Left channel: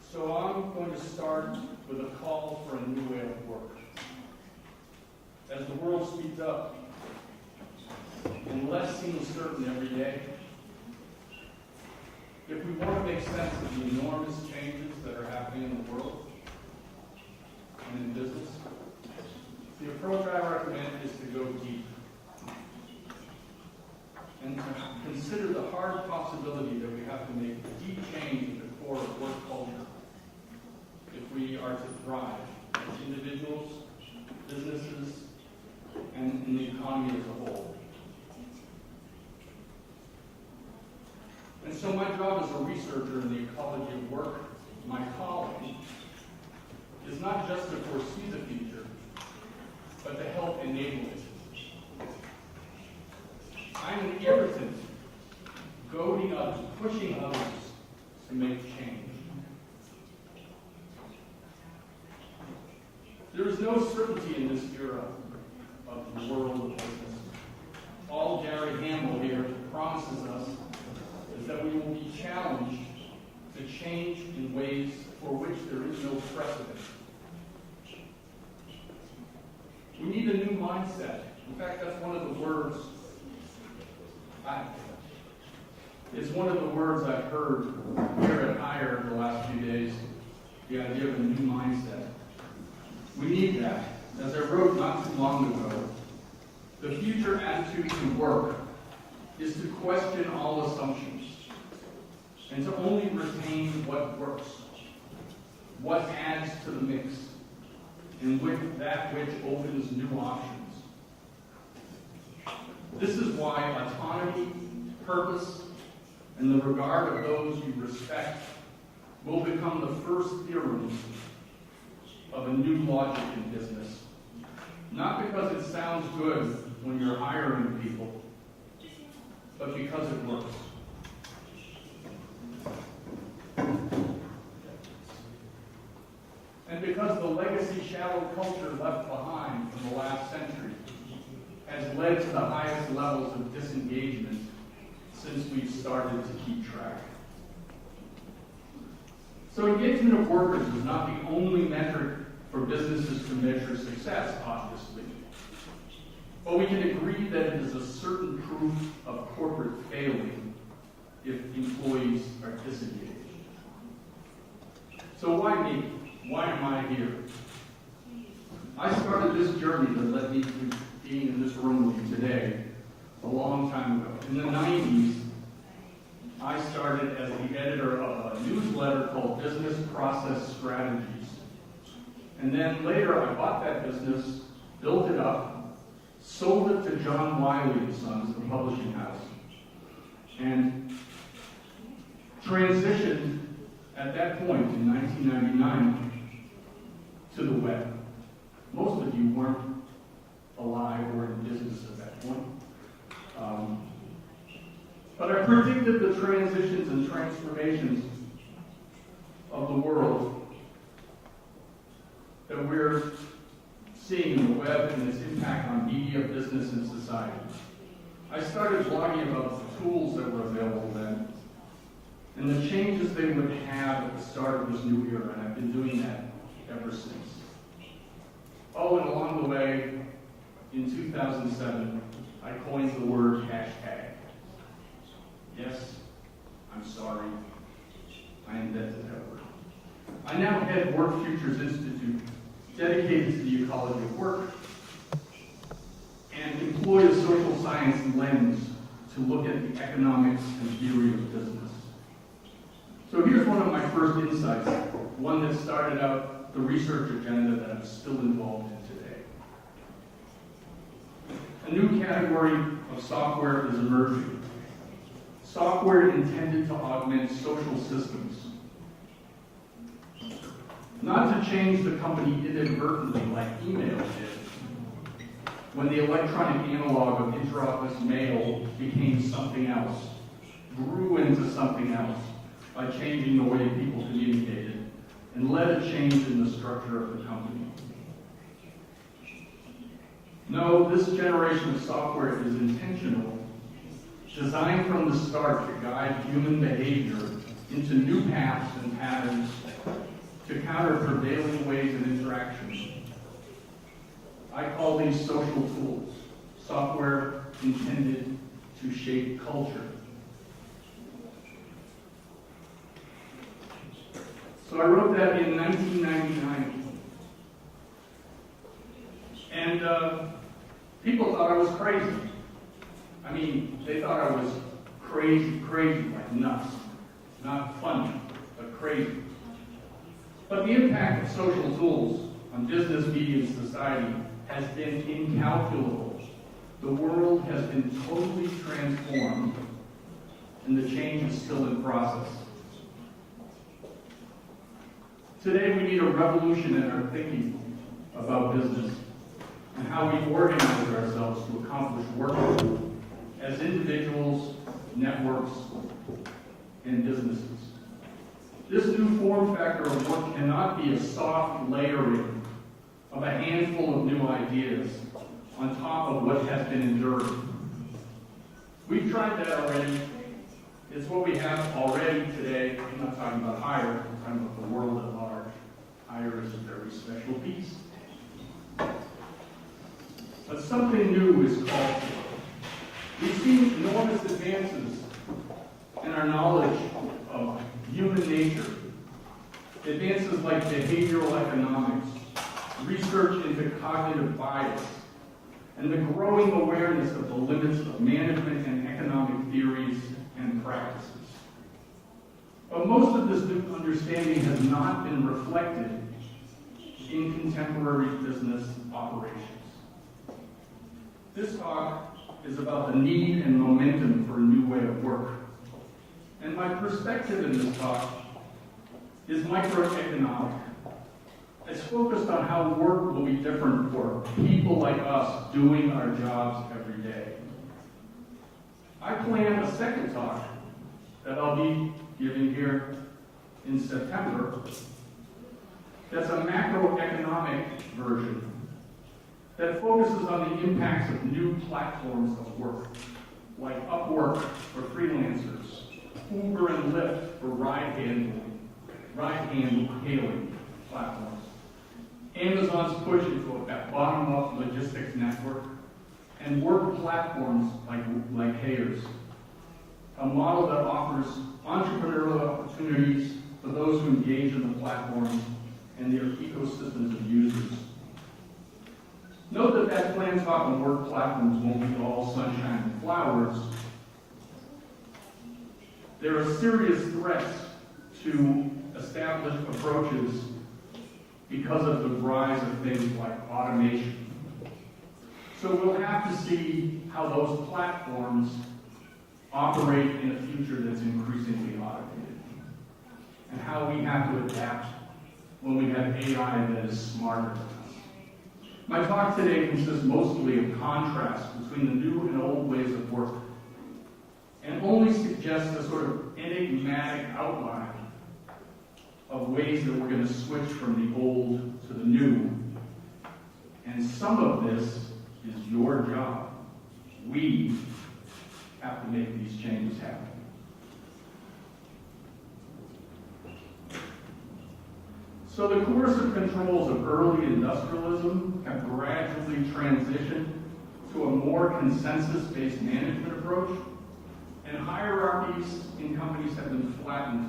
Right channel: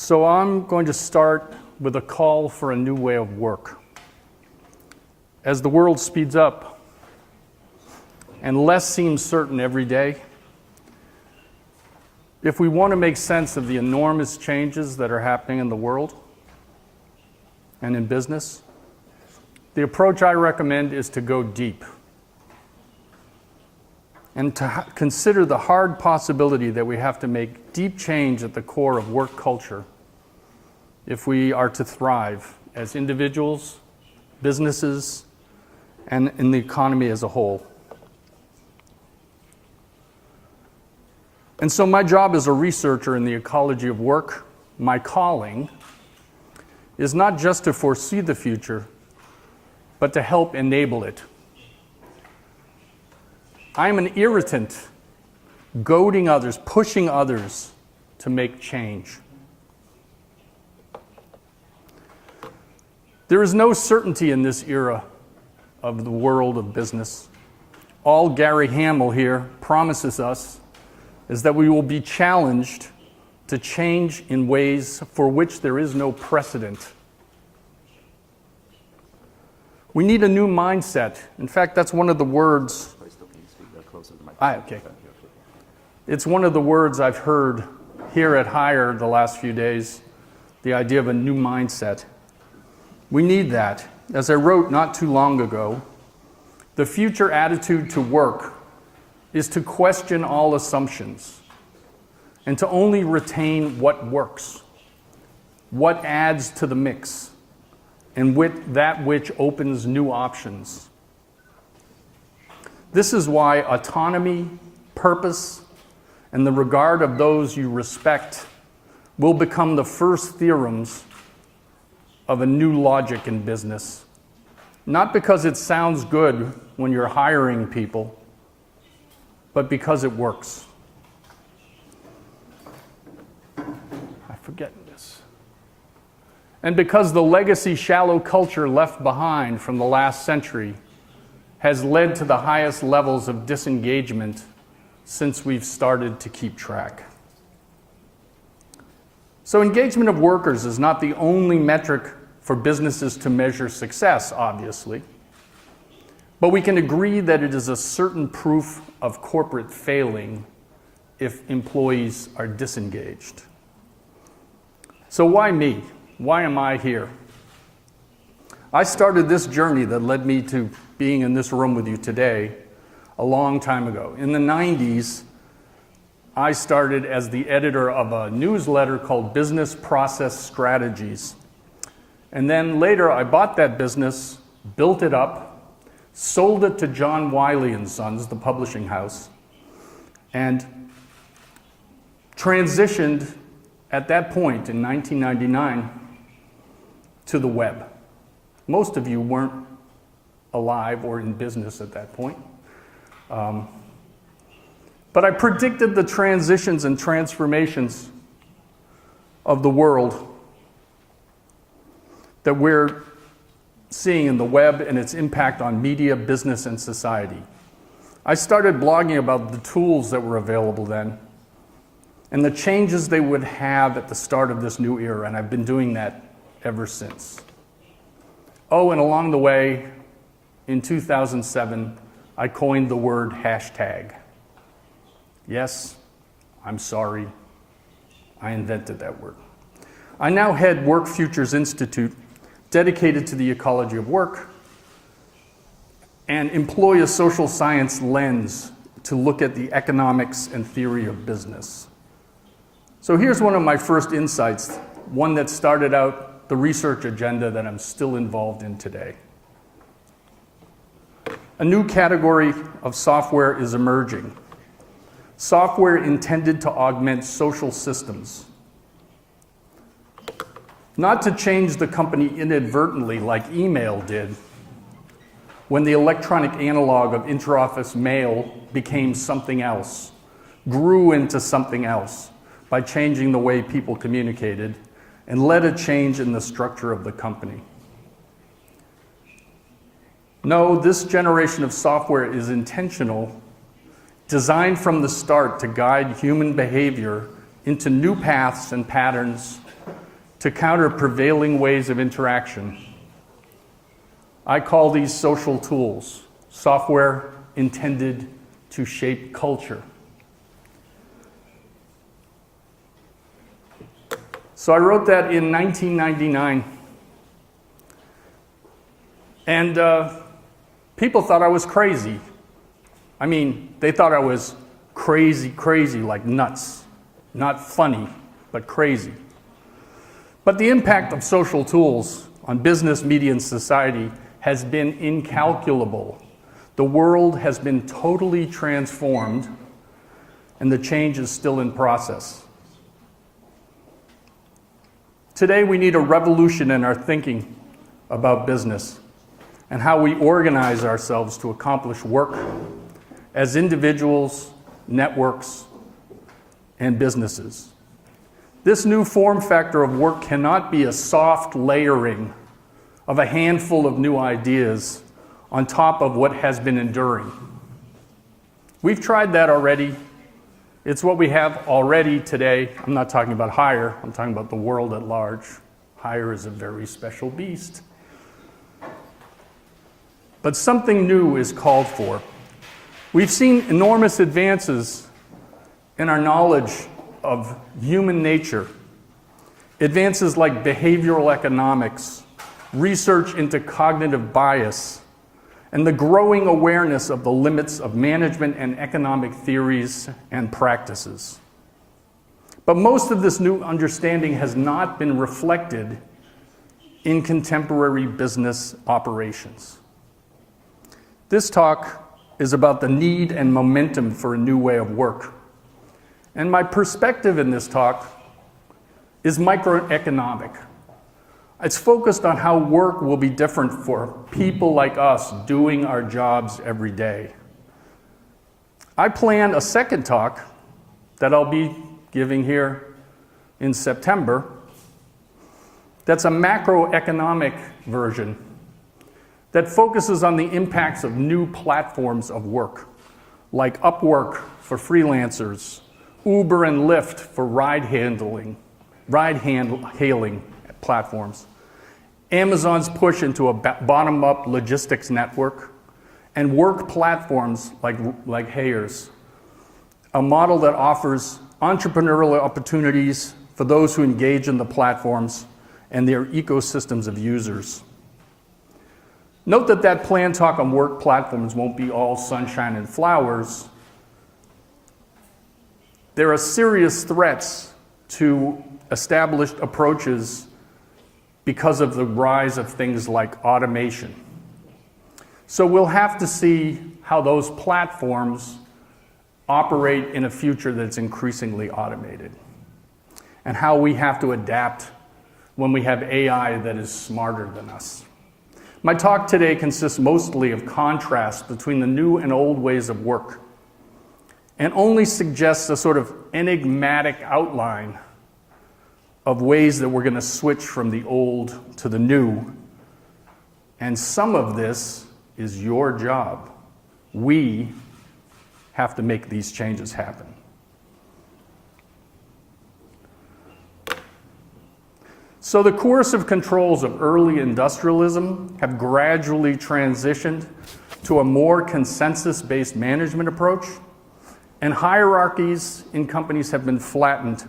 So I'm going to start with a call for a new way of work. As the world speeds up and less seems certain every day, if we want to make sense of the enormous changes that are happening in the world and in business, the approach I recommend is to go deep and to consider the hard possibility that we have to make deep change at the core of work culture if we are to thrive as individuals, businesses, and in the economy as a whole. And so my job as a researcher in the ecology of work, my calling, is not just to foresee the future, but to help enable it. I am an irritant, goading others, pushing others to make change. There is no certainty in this era of the world of business. All Gary Hamel here promises us is that we will be challenged to change in ways for which there is no precedent. We need a new mindset. In fact, that's one of the words. It's one of the words I've heard here at Hire the last few days, the idea of a new mindset. We need that. As I wrote not too long ago, the future attitude to work is to question all assumptions and to only retain what works, what adds to the mix, and with that which opens new options. This is why autonomy, purpose, and the regard of those you respect will become the first theorems of a new logic in business. Not because it sounds good when you're hiring people, but because it works. I forget this. And because the legacy shallow culture left behind from the last century has led to the highest levels of disengagement since we've started to keep track. So engagement of workers is not the only metric for businesses to measure success, obviously, but we can agree that it is a certain proof of corporate failing if employees are disengaged. So why me? Why am I here? I started this journey that led me to being in this room with you today a long time ago. In the 90s, I started as the editor of a newsletter called Business Process Strategies. And then later I bought that business, built it up, sold it to John Wiley & Sons, the publishing house, and transitioned at that point in 1999 to the web. Most of you weren't alive or in business at that point. But I predicted the transitions and transformations of the world that we're seeing in the web and its impact on media, business, and society. I started blogging about the tools that were available then and the changes they would have at the start of this new era, and I've been doing that ever since. Oh, and along the way, in 2007, I coined the word hashtag. Yes, I'm sorry, I invented that word. I now head Work Futures Institute, dedicated to the ecology of work, and employ a social science lens to look at the economics and theory of business. So here's one of my first insights, one that started out the research agenda that I'm still involved in today. A new category of software is emerging. Software intended to augment social systems. Not to change the company inadvertently like email did when the electronic analog of interoffice mail became something else, grew into something else by changing the way people communicated and led a change in the structure of the company. No, this generation of software is intentional, designed from the start to guide human behavior into new paths and patterns to counter prevailing ways of interaction. I call these social tools, software intended to shape culture. So I wrote that in 1999. And people thought I was crazy. I mean, they thought I was crazy, like nuts. Not funny, but crazy. But the impact of social tools on business, media, and society has been incalculable. The world has been totally transformed, and the change is still in process. Today, we need a revolution in our thinking about business and how we organize ourselves to accomplish work as individuals, networks, and businesses. This new form factor of work cannot be a soft layering of a handful of new ideas on top of what has been enduring. We've tried that already. It's what we have already today. I'm not talking about hire, I'm talking about the world at large. Hire is a very special beast. But something new is called for. We've seen enormous advances in our knowledge of human nature. Advances like behavioral economics, research into cognitive bias, and the growing awareness of the limits of management and economic theories and practices. But most of this new understanding has not been reflected in contemporary business operations. This talk is about the need and momentum for a new way of work. And my perspective in this talk is microeconomic. It's focused on how work will be different for people like us doing our jobs every day. I plan a second talk that I'll be giving here in September that's a macroeconomic version that focuses on the impacts of new platforms of work, like Upwork for freelancers, Uber and Lyft for ride-hailing platforms, Amazon's push into a bottom-up logistics network, and work platforms like Hayer's, a model that offers entrepreneurial opportunities for those who engage in the platforms and their ecosystems of users. Note that planned talk on work platforms won't be all sunshine and flowers. There are serious threats to established approaches because of the rise of things like automation. So we'll have to see how those platforms operate in a future that's increasingly automated, and how we have to adapt when we have AI that is smarter than us. My talk today consists mostly of contrast between the new and old ways of work, and only suggests a sort of enigmatic outline of ways that we're going to switch from the old to the new. And some of this is your job. We have to make these changes happen. So the coercive controls of early industrialism have gradually transitioned to a more consensus-based management approach, and hierarchies in companies have been flattened.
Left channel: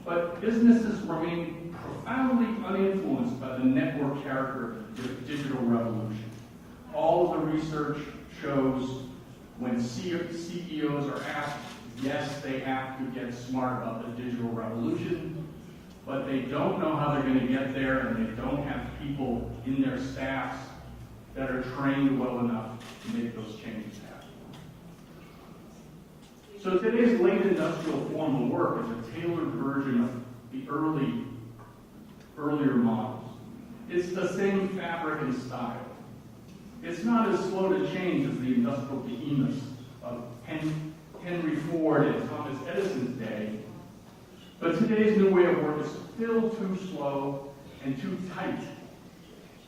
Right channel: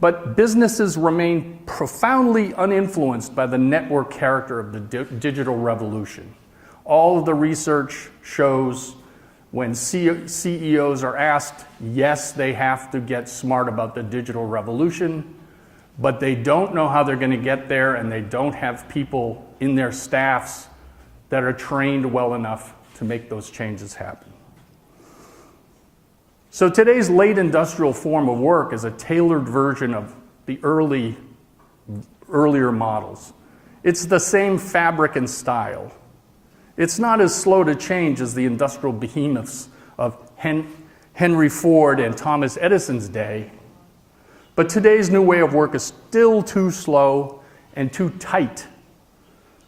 But businesses remain profoundly uninfluenced by the network character of the digital revolution. All of the research shows when CEOs are asked, yes, they have to get smart about the digital revolution, but they don't know how they're going to get there, and they don't have people in their staffs that are trained well enough to make those changes happen. So today's late industrial form of work is a tailored version of the earlier models. It's the same fabric and style. It's not as slow to change as the industrial behemoths of Henry Ford and Thomas Edison's day. But today's new way of work is still too slow and too tight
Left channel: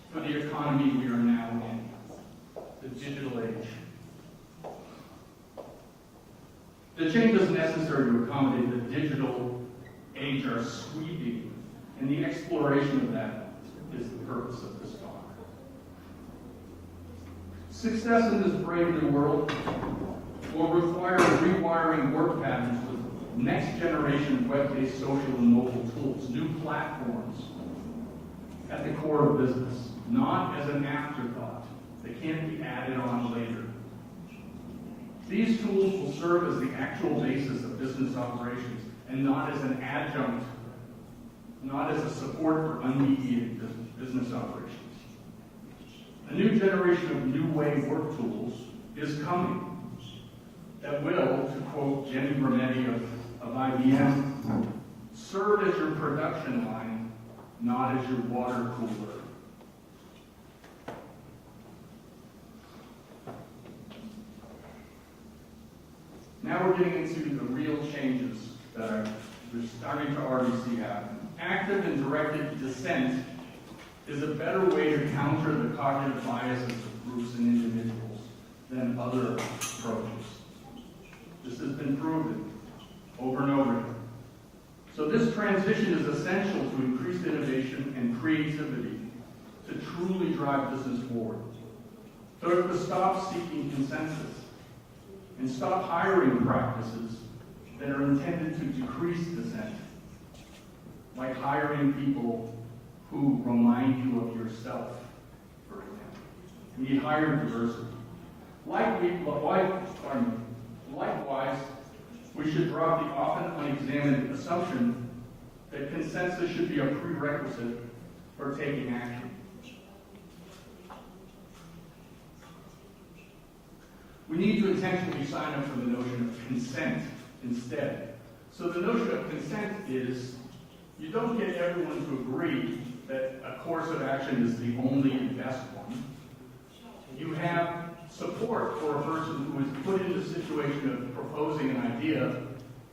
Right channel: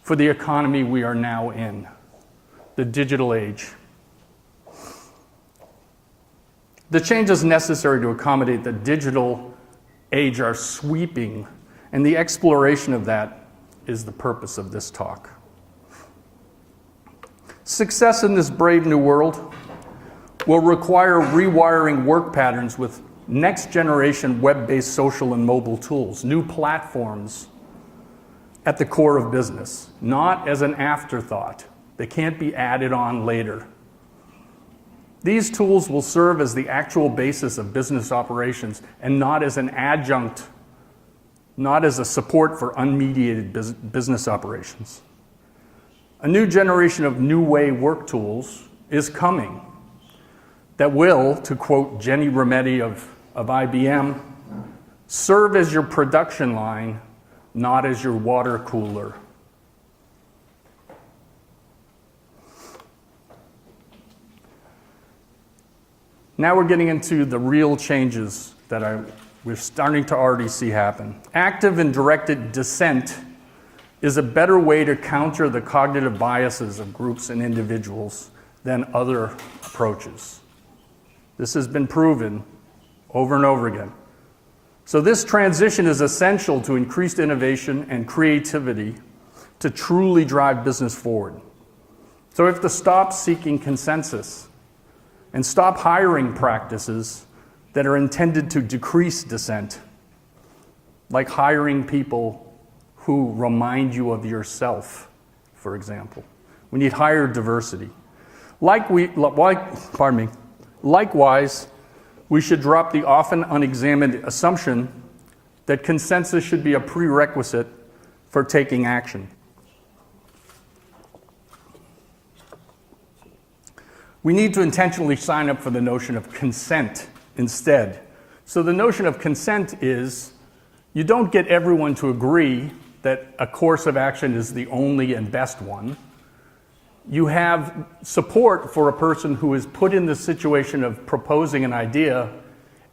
for the economy we are now in, the digital age. The changes necessary to accommodate the digital age are sweeping And the exploration of that is the purpose of this talk. Success in this brave new world will require rewiring work patterns with next-generation web-based social and mobile tools, new platforms at the core of business, not as an afterthought. They can't be added on later. These tools will serve as the actual basis of business operations and not as an adjunct, not as a support for unmediated business operations. A new generation of new way work tools is coming that will, to quote Jenny Rometty of IBM, serve as your production line, not as your water cooler. Now we're getting into the real changes that we're starting to already see happen. Active and directed dissent is a better way to counter the cognitive biases of groups and individuals than other approaches. This has been proven over and over again. So this transition is essential to increased innovation and creativity to truly drive business forward. So we have to stop seeking consensus and stop hiring practices that are intended to decrease dissent, like hiring people who remind you of yourself, for example. We need higher diversity. Likewise, we should drop the often unexamined assumption that consensus should be a prerequisite for taking action. We need to intentionally sign up for the notion of consent instead. So the notion of consent is you don't get everyone to agree that a course of action is the only and best one. You have support for a person who is put in the situation of proposing an idea,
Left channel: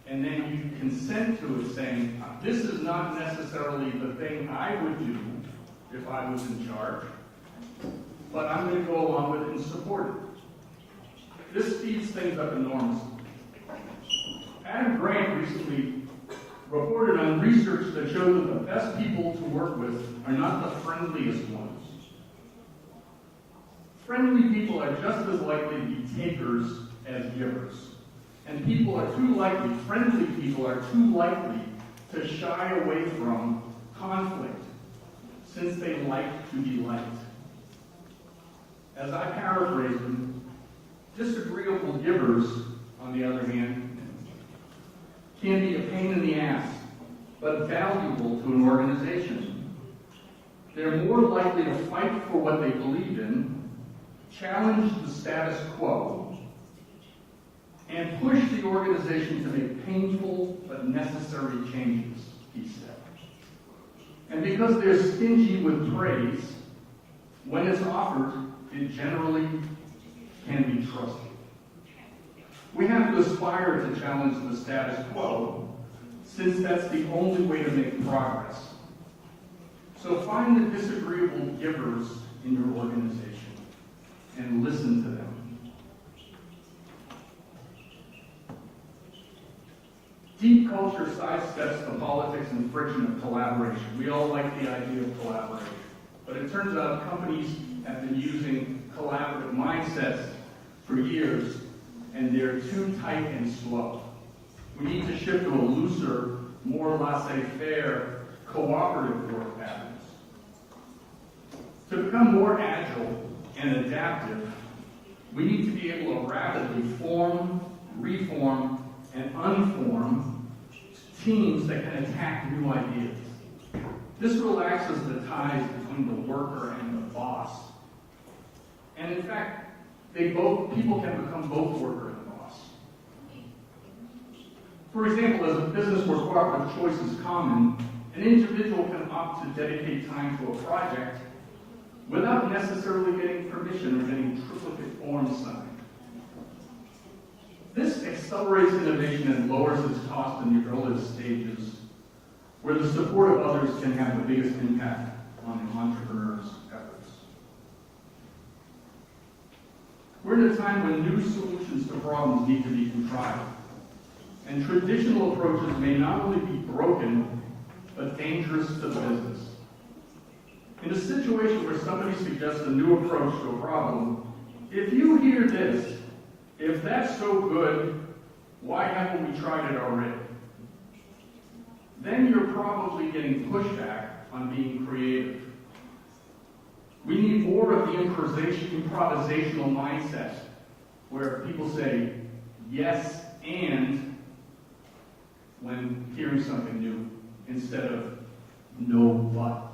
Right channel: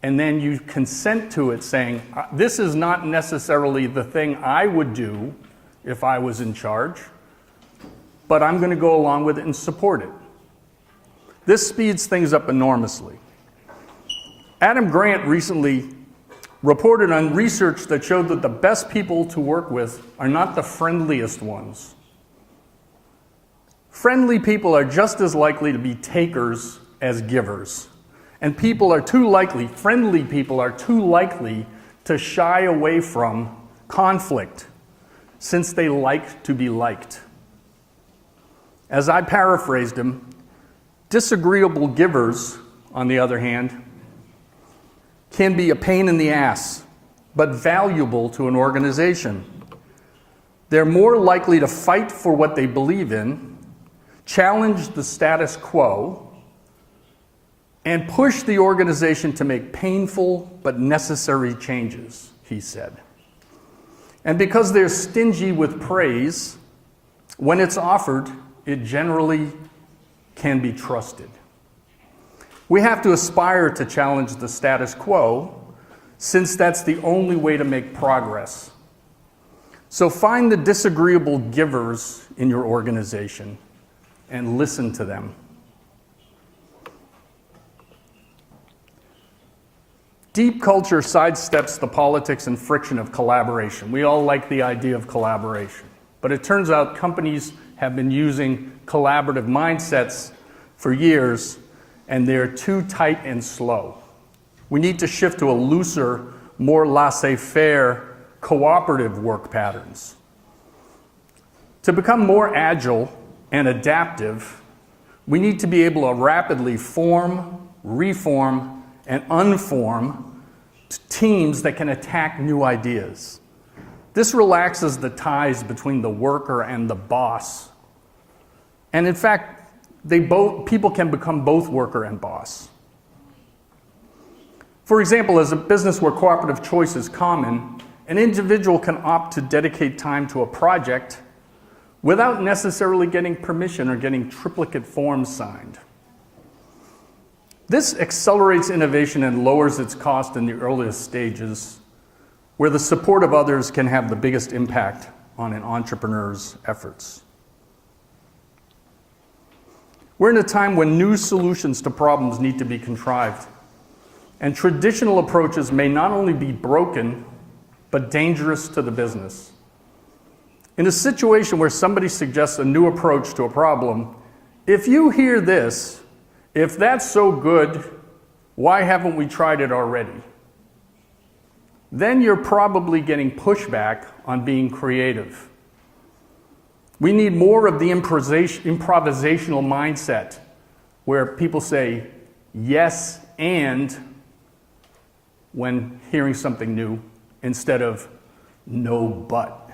and then you consent to it saying, this is not necessarily the thing I would do if I was in charge, but I'm going to go along with it and support it. This speeds things up enormously. Adam Grant recently reported on research that showed that the best people to work with are not the friendliest ones. Friendly people are just as likely to be takers as givers. And friendly people are too likely to shy away from conflict since they like to be liked. As I paraphrased him, disagreeable givers, on the other hand, can be a pain in the ass, but valuable to an organization. They're more likely to fight for what they believe in, challenge the status quo, and push the organization to make painful but necessary changes, he said. And because they're stingy with praise, when it's offered, it generally can be trusted. We have to aspire to challenge the status quo, since that's the only way to make progress. So find the disagreeable givers in your organization and listen to them. Deep culture sidesteps the politics and friction of collaboration. We all like the idea of collaboration, but it turns out companies have been using collaborative mindsets for years, and they're too tight and slow. We need to shift to a looser, more laissez-faire, cooperative work patterns. To become more agile and adaptive, we need to be able to rapidly form, reform, and unform teams that can attack new ideas. This relaxes the ties between the worker and the boss. And in fact, people can become both worker and boss. For example, as a business where cooperative choice is common, an individual can opt to dedicate time to a project without necessarily getting permission or getting triplicate forms signed. This accelerates innovation and lowers its cost in the earliest stages, where the support of others can have the biggest impact on an entrepreneur's efforts. We're in a time when new solutions to problems need to be contrived, and traditional approaches may not only be broken, but dangerous to the business. In a situation where somebody suggests a new approach to a problem, if you hear this, if that's so good, why haven't we tried it already? Then you're probably getting pushback on being creative. We need more of the improvisational mindset where people say yes and when hearing something new instead of no but.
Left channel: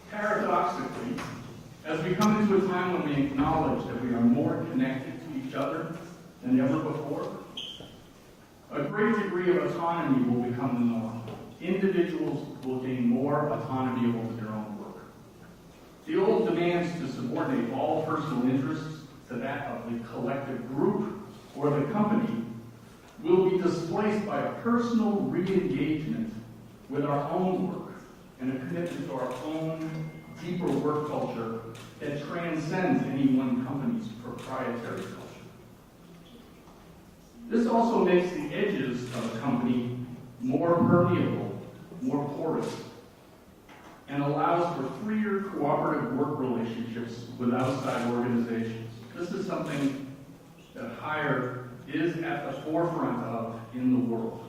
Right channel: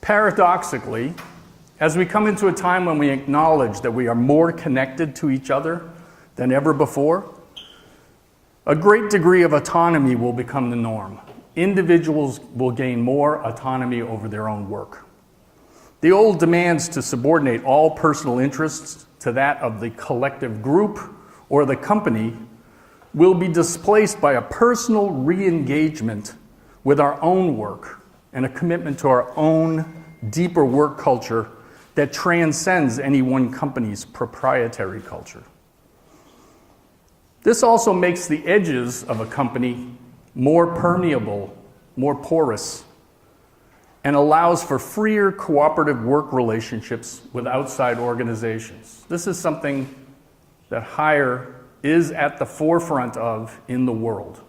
Paradoxically, as we come into a time when we acknowledge that we are more connected to each other than ever before, a great degree of autonomy will become the norm. Individuals will gain more autonomy over their own work. The old demands to subordinate all personal interests to that of the collective group or the company will be displaced by a personal re-engagement with our own work and a commitment to our own deeper work culture that transcends any one company's proprietary culture. This also makes the edges of a company more permeable, more porous, and allows for freer cooperative work relationships with outside organizations. This is something that Hire is at the forefront of in the world.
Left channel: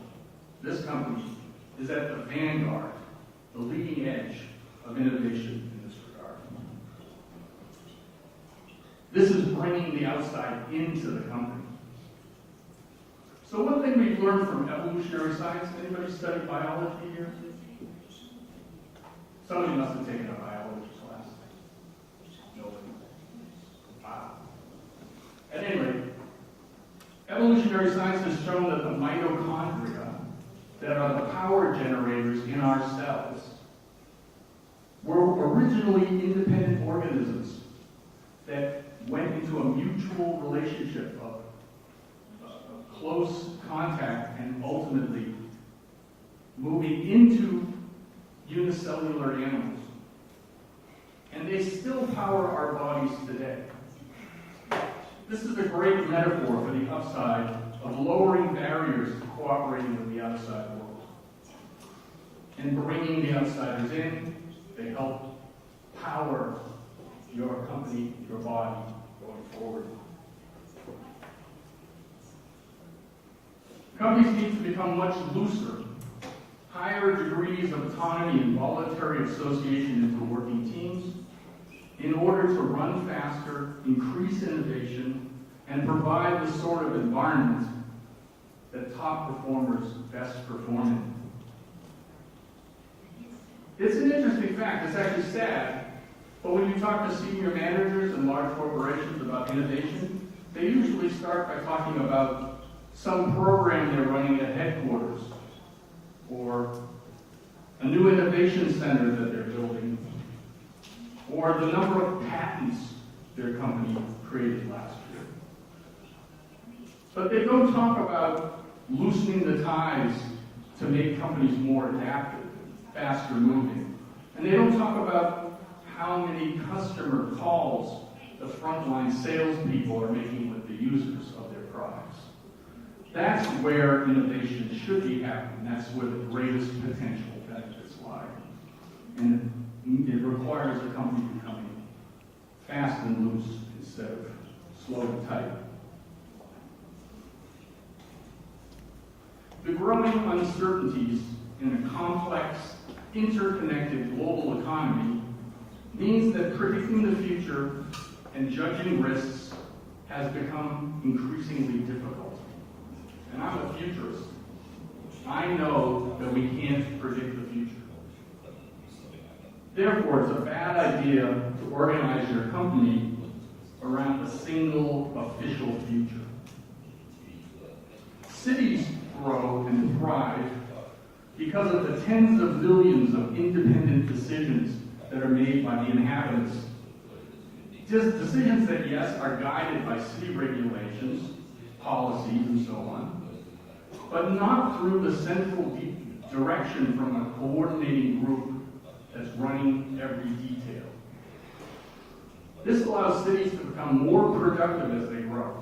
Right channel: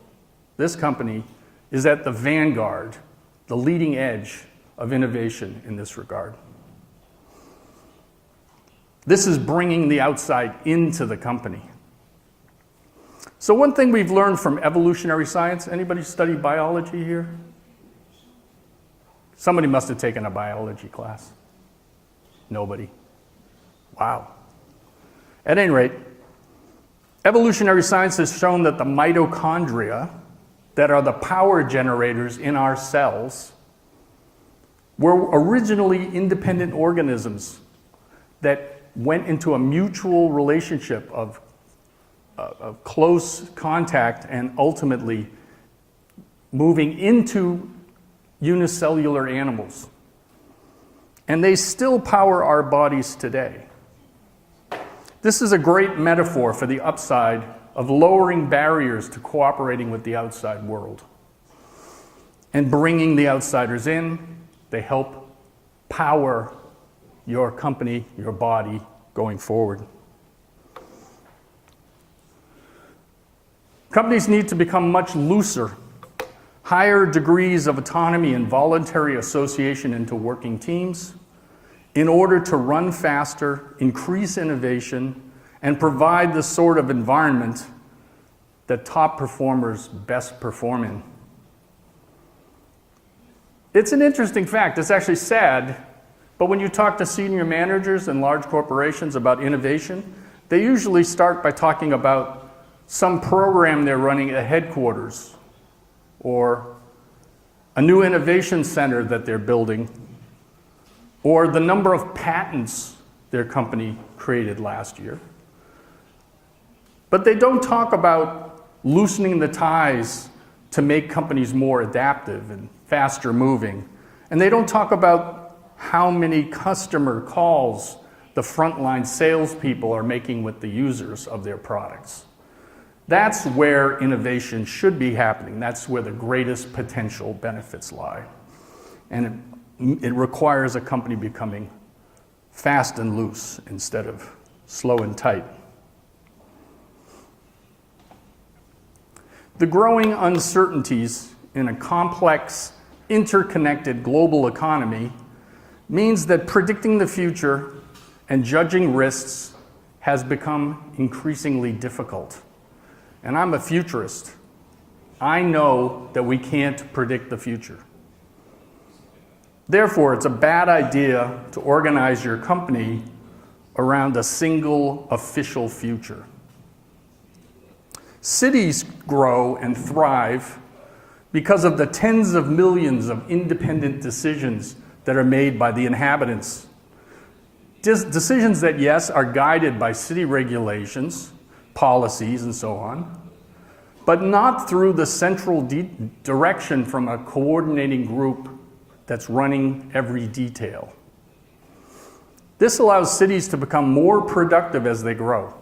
This company is at the vanguard, the leading edge of innovation in this regard. This is bringing the outside into the company. So one thing we've learned from evolutionary science, anybody study biology here? Somebody must have taken a biology class. Nobody. Wow. At any rate, evolutionary science has shown that the mitochondria that are the power generators in our cells were originally independent organisms that went into a mutual relationship of close contact and ultimately moving into unicellular animals. And they still power our bodies today. This is a great metaphor for the upside of lowering barriers to cooperating with the outside world and bringing the outsiders in. They help power your company, your body going forward. Companies need to become much looser, higher degrees of autonomy and voluntary association into working teams in order to run faster, increase innovation, and provide the sort of environment that top performers best perform in. It's an interesting fact. It's actually sad, but when you talk to senior managers in large corporations about innovation, they usually start by talking about some program they're running at headquarters or a new innovation center that they're building or the number of patents their company created last year. But they don't talk about loosening the ties to make companies more adaptive and faster moving. And they don't talk about how many customer calls the frontline salespeople are making with the users of their products. That's where innovation should be happening. That's where the greatest potential benefits lie. And it requires a company becoming fast and loose instead of slow and tight. The growing uncertainties in a complex, interconnected global economy means that predicting the future and judging risks has become increasingly difficult. And I'm a futurist. I know that we can't predict the future. Therefore, it's a bad idea to organize your company around a single official future. Cities grow and thrive because of the tens of millions of independent decisions that are made by the inhabitants. Decisions that, yes, are guided by city regulations, policies, and so on, but not through the central direction from a coordinating group that's running every detail. This allows cities to become more productive as they grow.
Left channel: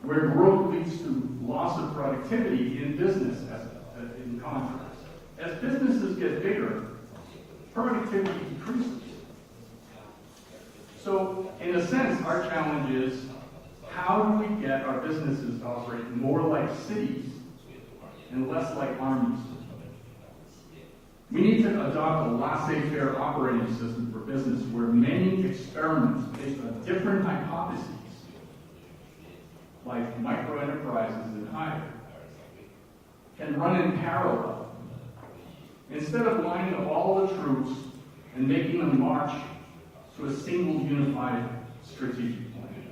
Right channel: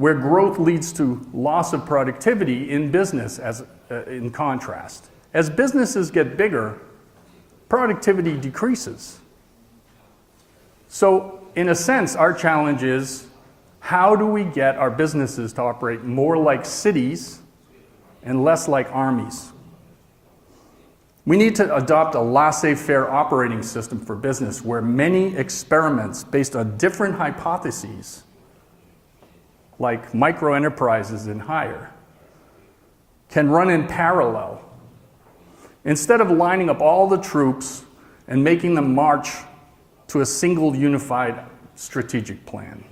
where growth leads to loss of productivity in business in contrast. As businesses get bigger, productivity decreases. So in a sense, our challenge is, how do we get our businesses to operate more like cities and less like armies? We need to adopt a laissez-faire operating system for business where many experiments based on different hypotheses, like micro-enterprises and higher, can run in parallel, instead of lining up all the troops and making them march to a single unified strategic plan.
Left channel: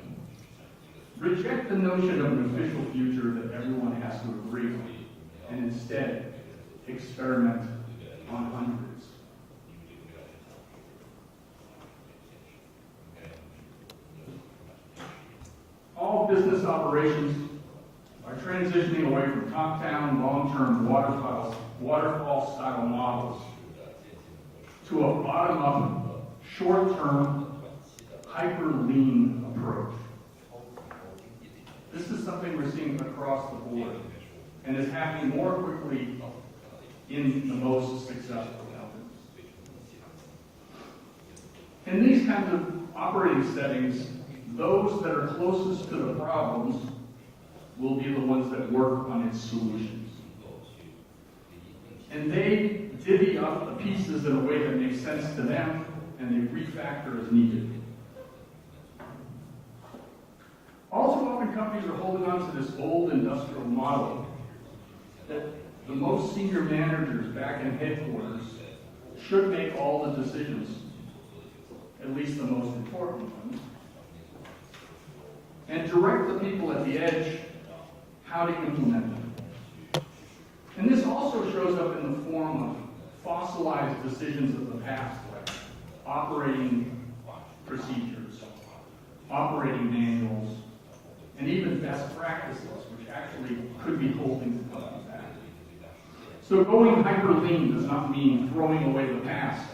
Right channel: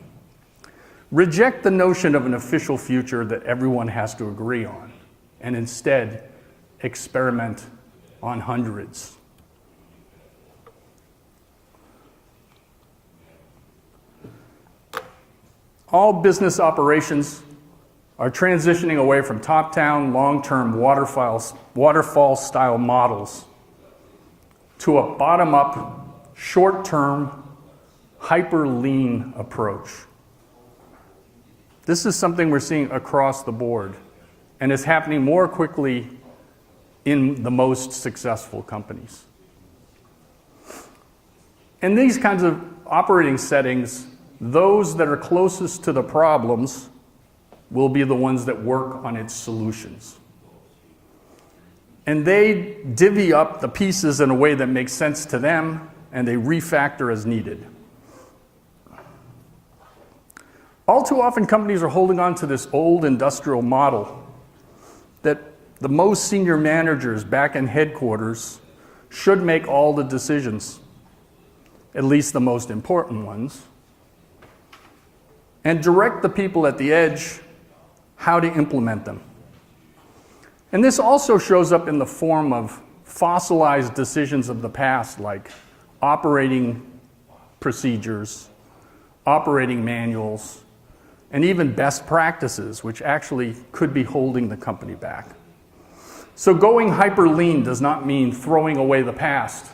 Reject the notion of an official future that everyone has to agree on, and instead experiment on hundreds. All business operations are transitioning away from top-down, long-term waterfall-style models to a bottom-up, short-term, hyper-lean approach. This is something we're seeing across the board, and it's happening more quickly in the most successful companies. In these kinds of operating settings, those that are closest to the problems will be the ones that work on its solutions. And they divvy up the pieces in a way that makes sense to them, and they refactor as needed. All too often, companies are holding on to this old industrial model that the most senior managers back in headquarters should make all the decisions, at least the most important ones, and direct the people at the edge how to implement them. And this also shows up in the form of fossilized decisions of the past, like operating procedures, operating manuals, and even best practices, which actually could be holding the company back. So going hyper-lean does not mean throwing away the past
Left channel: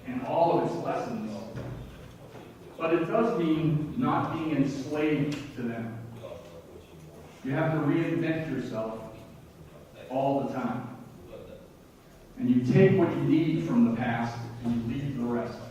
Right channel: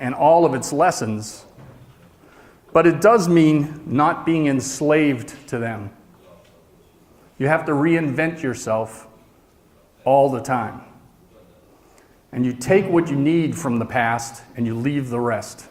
and all of its lessons, but it does mean not being enslaved to them. You have to reinvent yourself all the time. And you take what you need from the past and you leave the rest.